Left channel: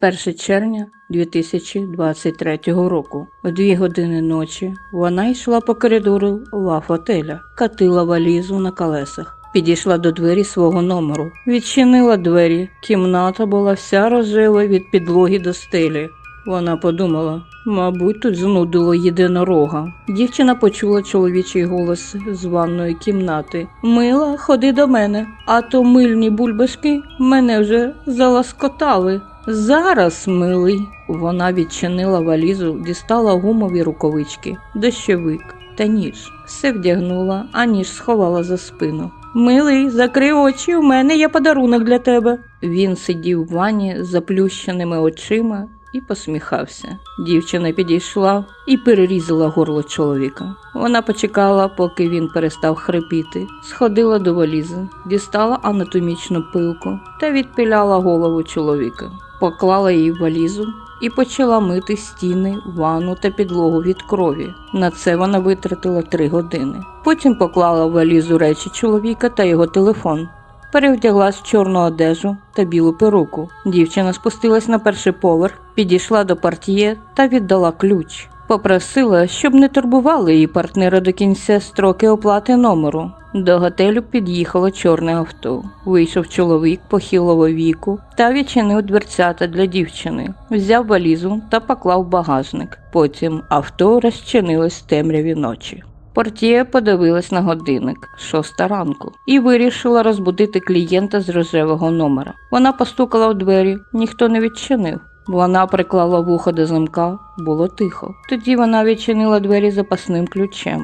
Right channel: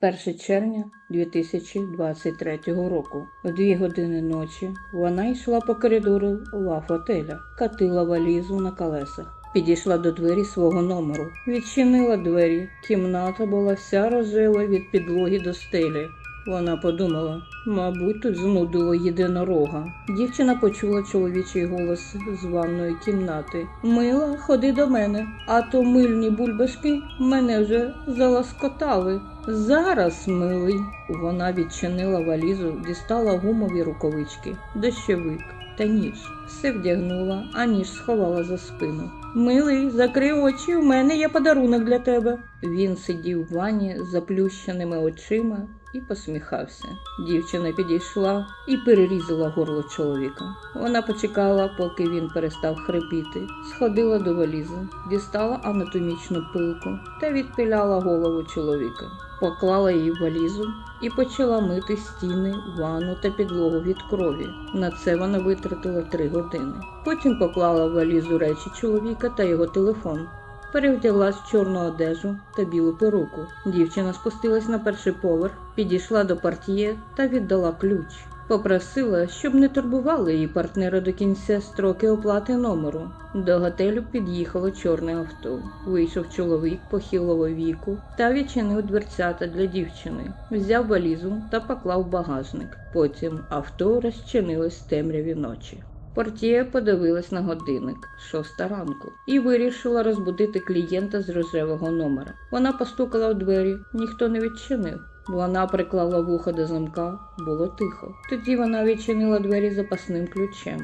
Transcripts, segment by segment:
1 червня 2023 року. О дві години ночі вона йшла по коридору лав-отеля, катила валізу на колесах. Підійшла до двері свого номеру, відчинила двері. Кімната була вся рожева від підлоги до стелі. Вона подумала, мабуть, тут знудило єдинорога. Дівчина почула чоловічий голос з ванної кімнати. Мила, ходи до мене, а то мильні бульбашки мене вже заласкотали. Зараз, милий. Вона відчинила валізу, дістала гумові рукавички, дощовик та ніж. Все вдягнула, а ніж сховала за спину. Милий, закрий очі, у мене є подарунок для тебе. Він сидів в ванні з заплющеними очима і посміхався. Дівчина підійшла і перерізала горло чоловіка. Вона почекала, поки він перестав хрипіти, сходила до валізи, дістала анатомічну пилку та відпіляла голову чоловіка. Поклала її в валізу і почала мити стіни, ванну та підлогу від крові. На це вона витратила три години. Потім поклала в валізу речі чоловіка та його телефон. Перевдяглась в чорну одежу та білу перуку. Дівчина спустилась на перший поверх, підійшла до партіє та віддала ключ. Попросила, щоб не турбували її партнера до кінця строки оплати номеру. До готелю під'їхало чорне авто. Вийшов чоловік похилого віку та відчинив дверцята для дівчини, взяв валізу та поклав багажник. Потім авто розчинилось в темряві ночі. Портіє подивилась на годинник шоста ранку і вирішила розбудити клієнта з рожевого номера. Вона постукала в двері, ніхто не відчинив. Вона приклала вухо до замка, було тихо. Тоді вона відчинила двері запасним ключем.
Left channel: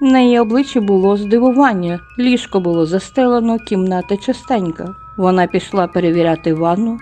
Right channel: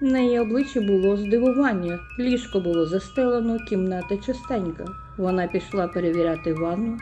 На її обличчі було здивування, ліжко було застелено, кімната чистенька. Вона пішла перевіряти ванну.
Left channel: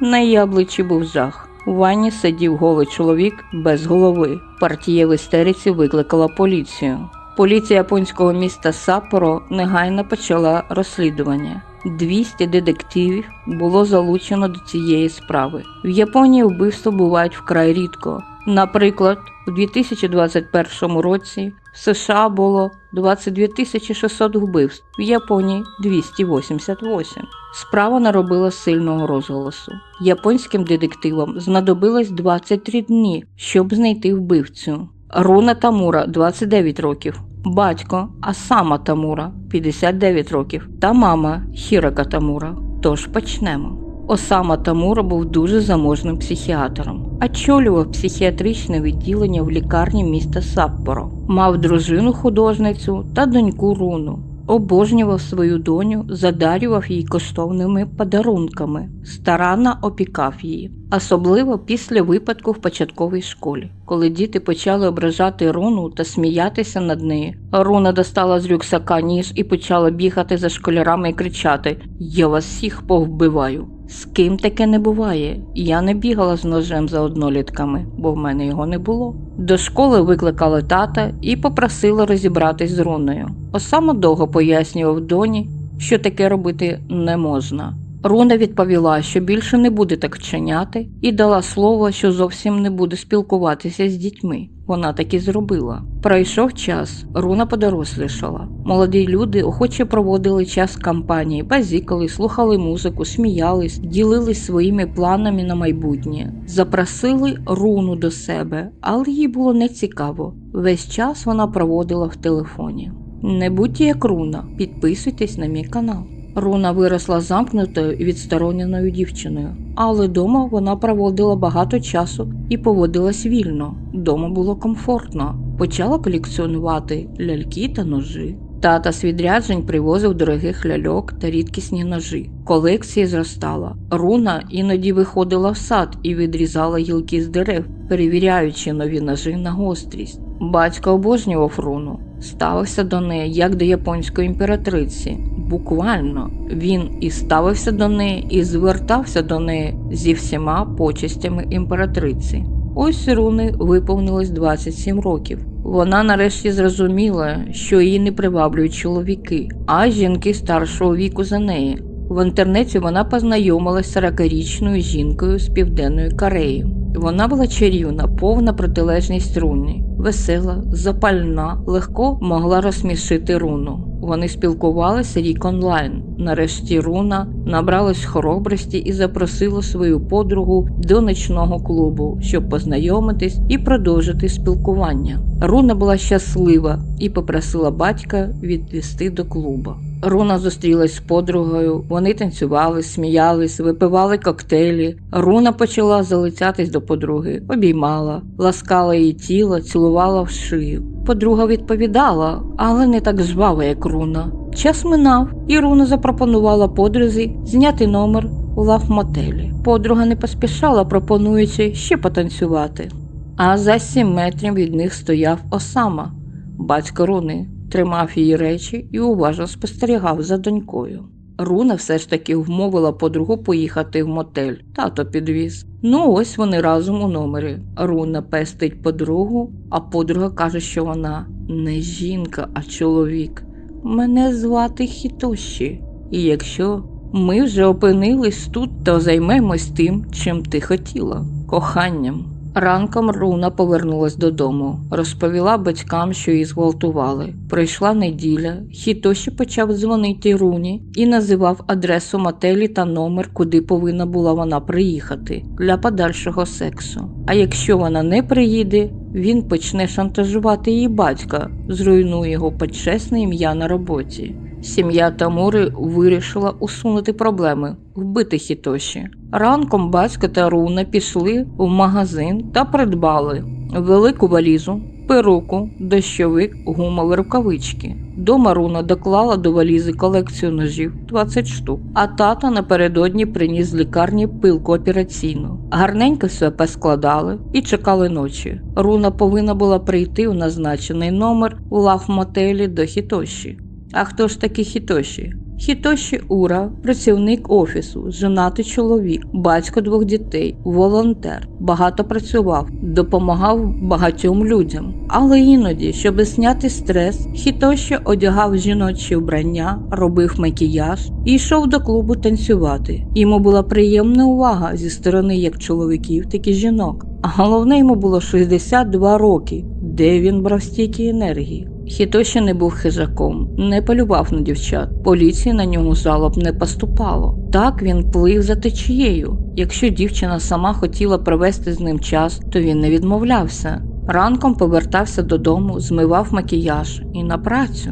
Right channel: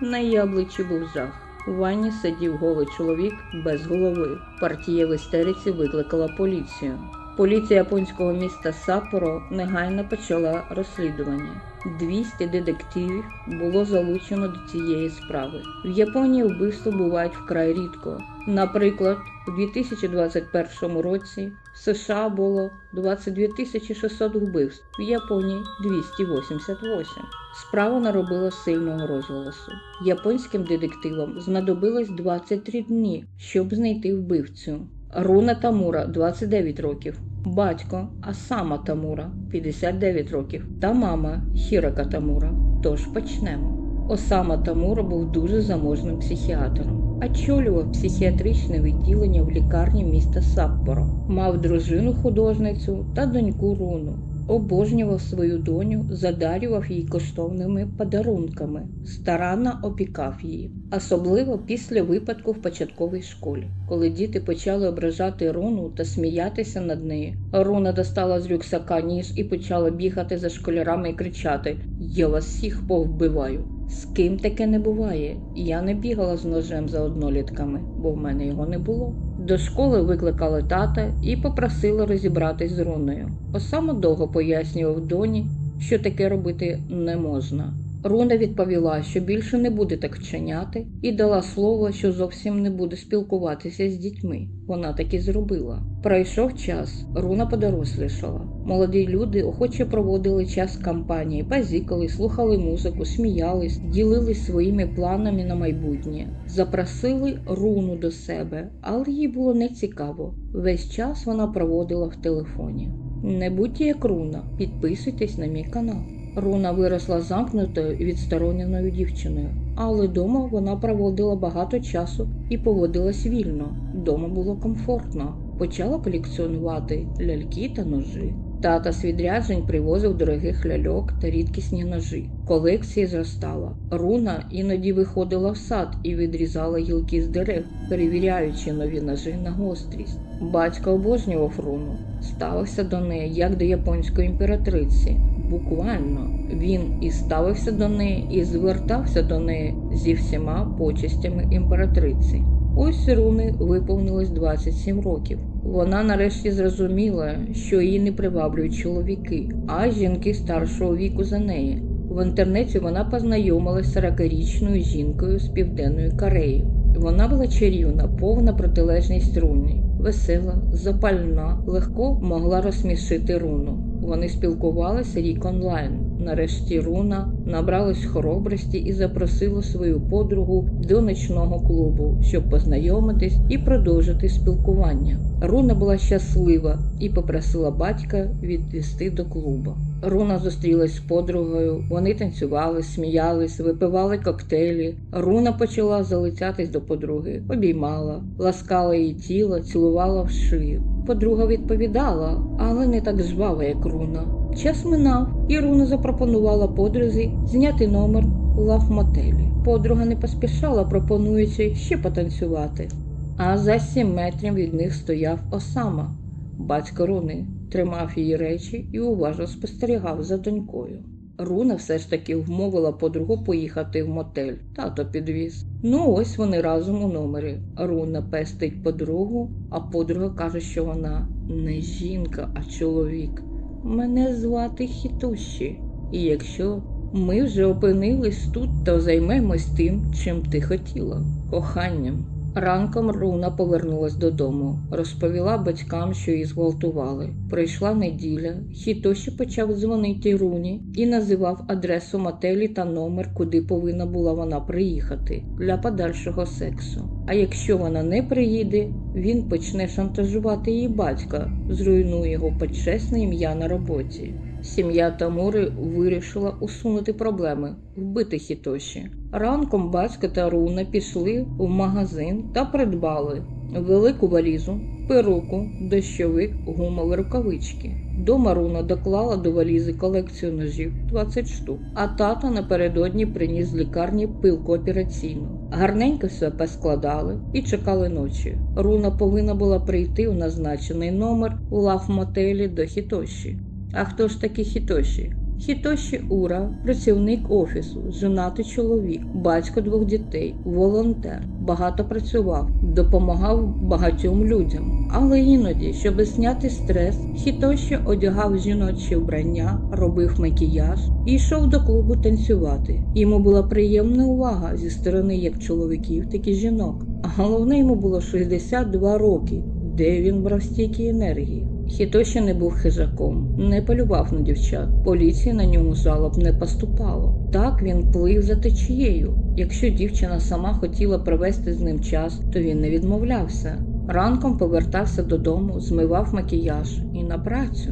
На її обличчі був жах. У ванні сидів голий чоловік без голови. Партія в істериці викликала поліцію. Поліція японського міста Саппоро негайно почала розслідування. 200 детективів було залучено до цієї справи. В Японії вбивства бувають вкрай рідко. Наприклад, у 2021 році в США було 22 600 вбивств, в Японії 288. Справа наробила сильного розголосу. Японським детективам знадобилось 23 дні, щоб знайти вбивцю. Руна Тамура 29 років. Батько Асама Тамура 59 років та мама Хірака Тамура. Тож почнемо. Осама Тамура був дуже заможним психіатром, очолював психіатричне відділення в лікарні міста Саппоро, мав дружину художницю та доньку Руну. Обожнював свою доню, задарював їй коштовними подарунками, старанно опікав її, особливо після випадку в початковій школі, коли діти почали ображати Руну та сміятися над нею. Руна достала з рюкзака ніж і почала бігати за школярами і кричати: Я вас всіх повбиваю. З ким таке не буває. Я не бігала з ножем за однолітками, бо в мене його не було. До школи викликали тата і попросили розібратись з руною. Осама довго пояснював доні, що таке робити не можна. Руна відповіла, що більше не буде так вчиняти, і дала слово, що зовсім не буде спілкуватися з дітьми. Вона так і зробила. Пройшов час, руна подорослішала. Молоді люди охоче проводили час кампанії, базікали, слухали музику, сміялись, ділились своїми планами на майбутнє, запросили руну до себе, але їй було нецікаво. Весь час вона проводила в телефоні. Не будьте як руна, підписуйтесь на мій канал. Руна виросла замкнутою і відстороненою дівчиною, але дома вона проводила багато часу і поводилась вільно. Дома було комфортно. Почала колекціонувати ляльки та ножі. Тата з відряджень привозив дорогих ляльок та рідкісні ножі. Колекція зростала. Руна іноді виходила в сад і відрізала гілки з дерев, перевіряючи нові ножі на гострість. Батько обожнював руну, ставився до неї як до японської імператриці. Буквально він і ставився до неї, і звертався до неї зі всіма почестями імператриці. Ось руни виповнилось 27 років. Вона нарешті зрозуміла, що її не приваблюють чоловіки, а жінки старшого віку за неї. В інтернеті вона познайомилась з 40-річною жінкою з південної Кореї. Вона була чарівна, повна протилежність руни, весела, запальна, легко могла розсмішити руну. Вони спілкувалися рік онлайн. Нарешті руна набралась хоробрості і запросила свою подругу до ночного клубу, щоб познайомитись і продовжити спілкування. Руна була щаслива і попросила батька відвести до клубу. Руна зустрілась з подругою, вони танцювали, сміялись, випивали коктейлі. Руна почала залицятись до подруги, обіймала, ласкала її тіло, цілувала в шию. Подруга відповідала, але не так жваво, як Руна. Час минав, і Руна запропонувала подрузі зняти номер у лав-мотелі. Подруга не поспішала, пропонуючи ще потанцювати. А за сім метрів від них стояв Осама, батько Руни, тримав її речі і уважно спостерігав за донькою. Руна все ж таки вмовила подругу поїхати в мотель. Тато підвіз. Ну ось вони разом у номері. Руна пестить подругу, а подруга каже, що вона не жінка, а чоловік. Мене звати Хітоші. І якщо ми вже опинились тут, то займемось тим, чим ти хотіла коханням. Ранком Руна повернулась додому, розповіла батькам, що її зґвалтували. Пройшла неділя, Хітоші почав дзвонити Руні і називав адресу мотелі та номер, куди повинна була вона приїхати для подальшого сексу. А якщо вона не приїде, він почне шантажувати її батька, зруйнує його почесне ім'я на роботі. Сім'я Тамури вирішила усунути проблеми, вбити Хітоші. Ранком батько та Руна пішли в магазин та придбали велику валізу, перуку, дощовик, гумові рукавички. Дома Руна доклала до валізи колекцію ножів 20 штук, а тато напередодні приніс з лікарні пилку операційну. Гарненько все поскладали і чекали ночі. Руна повинна була прийти в назначений номер у лав-мотелі до Хітоші. А хто ж такий Хітоші? Хітоші Ура, працівник офісу, женатий чоловік, батько двох дітей, волонтер, багато працював, допомагав багатьом людям. Але іноді, щоб зняти стрес, Хітоші одягав жіночі вбрання, робив макіяж і йшов до клубу танцювати. Йому була приємна увага зі сторони як чоловіків, так і жінок. А головне йому було 62 роки, де він брав стільки енергії. Хітоші не був хижаком, не полював на дівчат. Поліції на нього жалоб не поступало. Так він плив за течією. Якщо дівчина сама хотіла провести з ним час, то він не відмовлявся. Ранком повертався додому, змивав макіяж і на працю.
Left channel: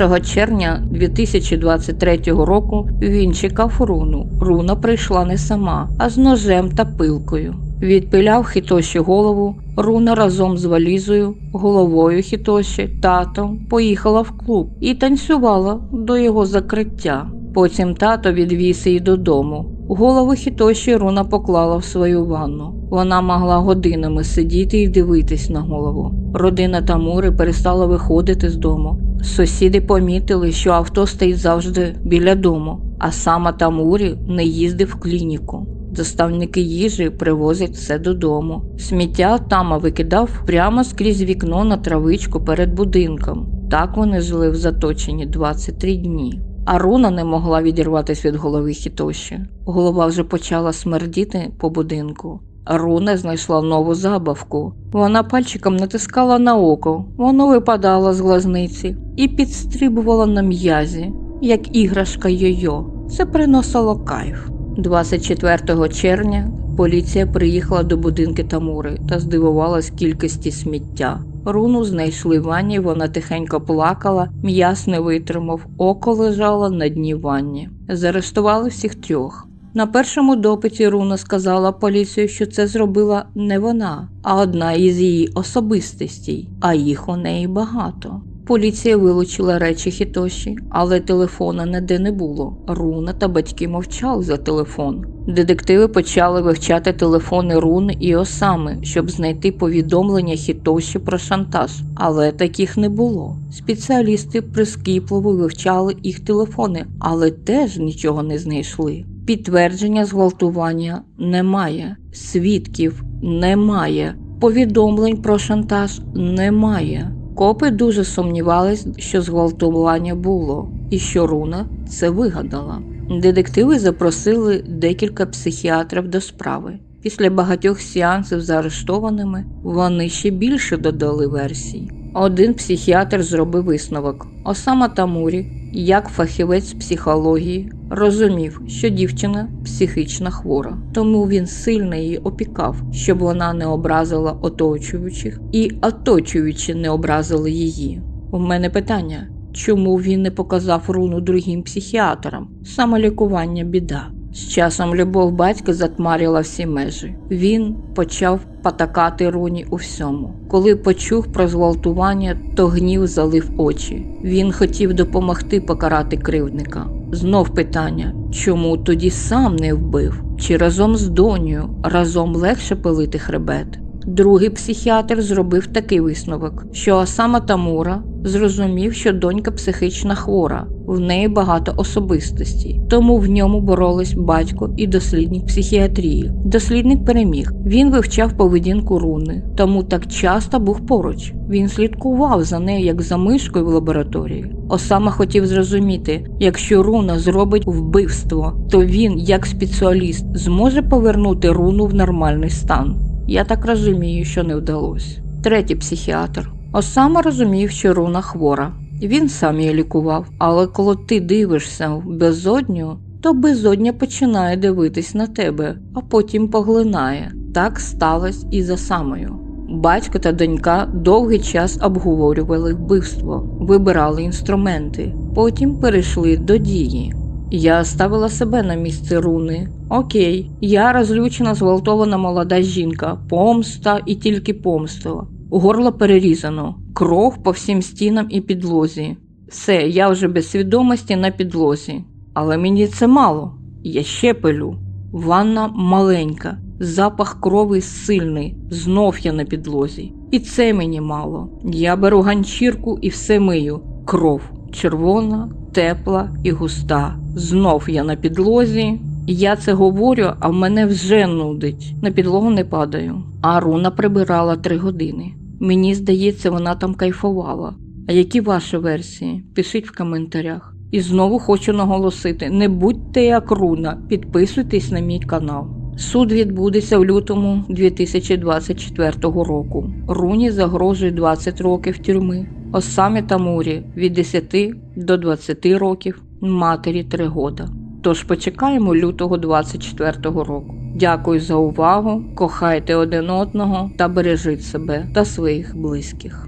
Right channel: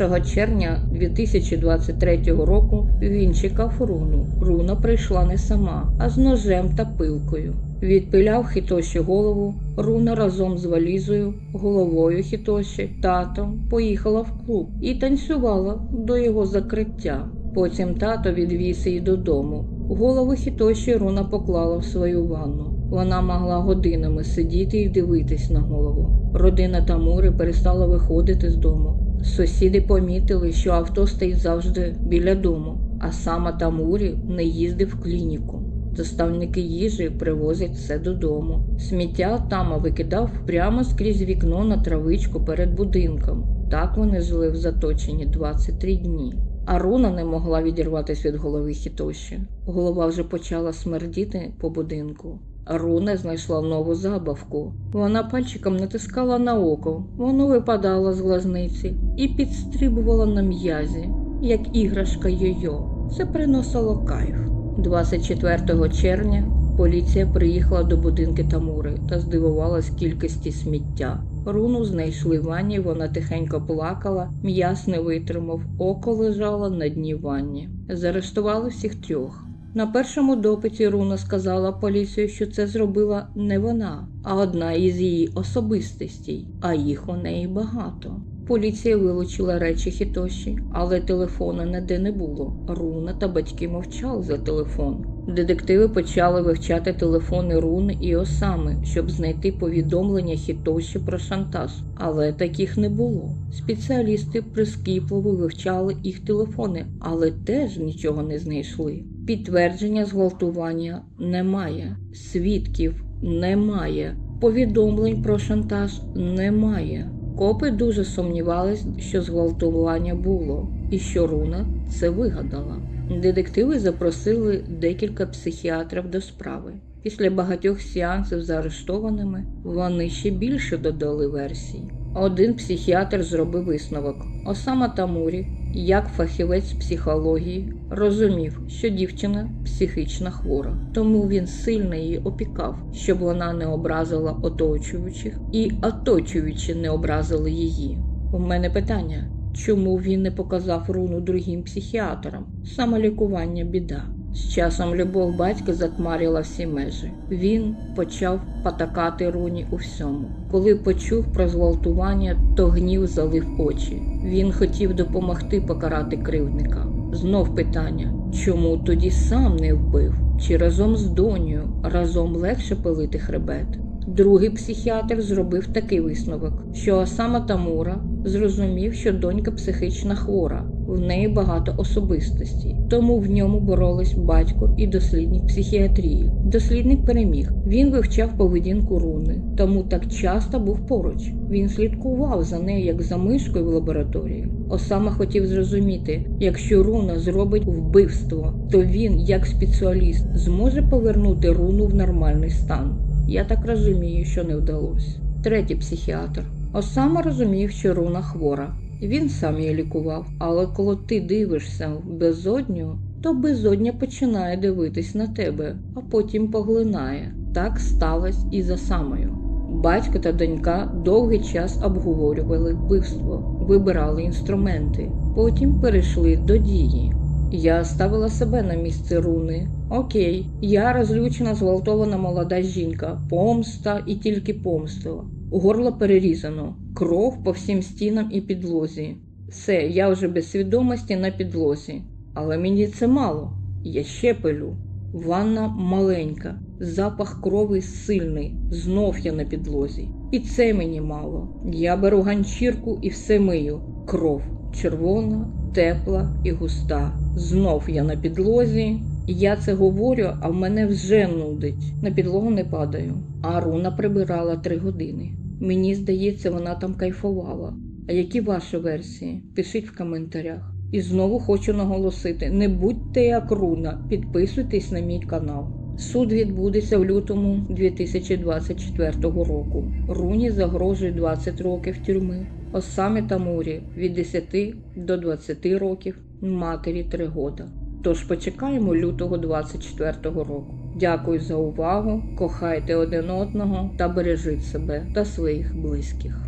1 червня 2023 року він чекав руну. Руна прийшла не сама, а з ножем та пилкою. Відпиляв Хітоші голову. Руна разом з валізою, головою Хітоші, татом поїхала в клуб і танцювала до його закриття. Потім тато відвіз її додому. Голову Хітоші Руна поклала в свою ванну. Вона могла годинами сидіти і дивитись на голову. Родина Тамури перестала виходити з дому. Сусіди помітили, що авто стоїть завжди біля дому, а сама Тамурі не їздив в клініку. Доставники їжі привозять все додому. Сміття Тама викидав прямо скрізь вікно на травичку перед будинком. Так вони жили в заточенні 23 дні. А Руна не могла відірватися від голови Хітоші. Голова вже почала смердіти по будинку. Руна знайшла нову забавку. Вона пальчиком натискала на око, воно випадало з глазниці і підстрибувало на м'язі, як іграшка йо-йо. Це приносило кайф. 24 червня поліція приїхала до будинки Тамури та здивувалась кількості сміття. Руну знайшли в ванні, вона тихенько плакала, м'яс не витримав, око лежало на дні ванні. Заарештували всіх трьох. На першому допиті Руна сказала поліцію, що це зробила не вона, а одна із її особистостей, а їх у неї багато. Поліція вилучила речі Хітоші, але телефона ніде не було. Руна та батьки мовчали за телефон. Детективи почали вивчати телефони Руни і Осами, щоб знайти повідомлення Хітоші про шантаж, але таких не було. Спеціалісти прискіпливо вивчали їх телефони, але теж нічого не знайшли. Підтвердження зґвалтування немає, свідків немає, повідомлень про шантаж немає. Копи дуже сумнівались, що зґвалтування було, і що Руна це вигадала. Детективи запросили декілька психіатрів до справи. Після багатьох сеансів з арештованими вони ще більше додали версій. Один психіатр зробив висновок. Осама Тамурі, як фахівець психології, розумів, що дівчина психічно хвора, тому він сильно її опікав, щоб вона не образила оточуючих, і оточуючі не образили її. У мене питання: чому він не показав руну другим психіатрам? Самолікування біда. З часом любов батька затмарила всі межі. Він почав патакати руні у всьому. Коли почув про зґвалтування, то гнів залив очі. Він хотів допомогти покарати кривдника. Знов питання: чому тоді сам не вбив? Чи разом з донею разом легше пилити хребет? Другий психіатр зробив такий висновок, що Осама Тамура зрозумів, що донька психічно хвора, в неї багато особистостей, тому в ньому боролись батько і дослідник психіатрії. Дослідник переміг. Він вивчав поведінку руни, тому так часто був поруч. Він слідкував за нею як за мишкою в лабораторії. Осама хотів зрозуміти, якщо руна зробить вбивство, то він, як спеціаліст, зможе повернути руну в нормальний стан. Я так розумію, що не вдалося. Третій психіатр. Осама розумів, що руна хвора. Він сам її лікував, але коли ти дивишся в безодню, то безодня починає дивитись на тебе, а потім поглинає. Так сталося і за самою. Батько та донька довгий час обговорювали вбивство, вибирали інструменти, потім перейшли до дії. Я ставила себе на місце руни. Окей, я розлючена, зґвалтована молода жінка, помста і тільки помста. Горло перерізано, кров по всім стінам і підлозі. Все, я вже без свідомості на підлозі. Але мені це мало. Я ще пилю. Ванна маленька, запах крови сильний, знов я на підлозі. І це мені мало. Я беру ганчірку і все мию. Кров червона, тепла і густа. Знов я на підлозі. Я це говорю, а в мене вже нудить. На підлогу не падаю. А руна прибирала три години. Мені здається, вона там кайфувала. А які ваші версії? Пишіть в коментарях. І знову хочу наголосити: не будьте як руна, підписуйтесь на мій канал. Суд відбудеться в лютому 2024 року. Руні загрожує 20 років тюрми. Осамі Тамурі від 10 до 20 років, матері 3 года. Тож почекаємо лютого 24 року. Дякую за увагу. Кохайте один одного та бережіть себе та своїх близьких.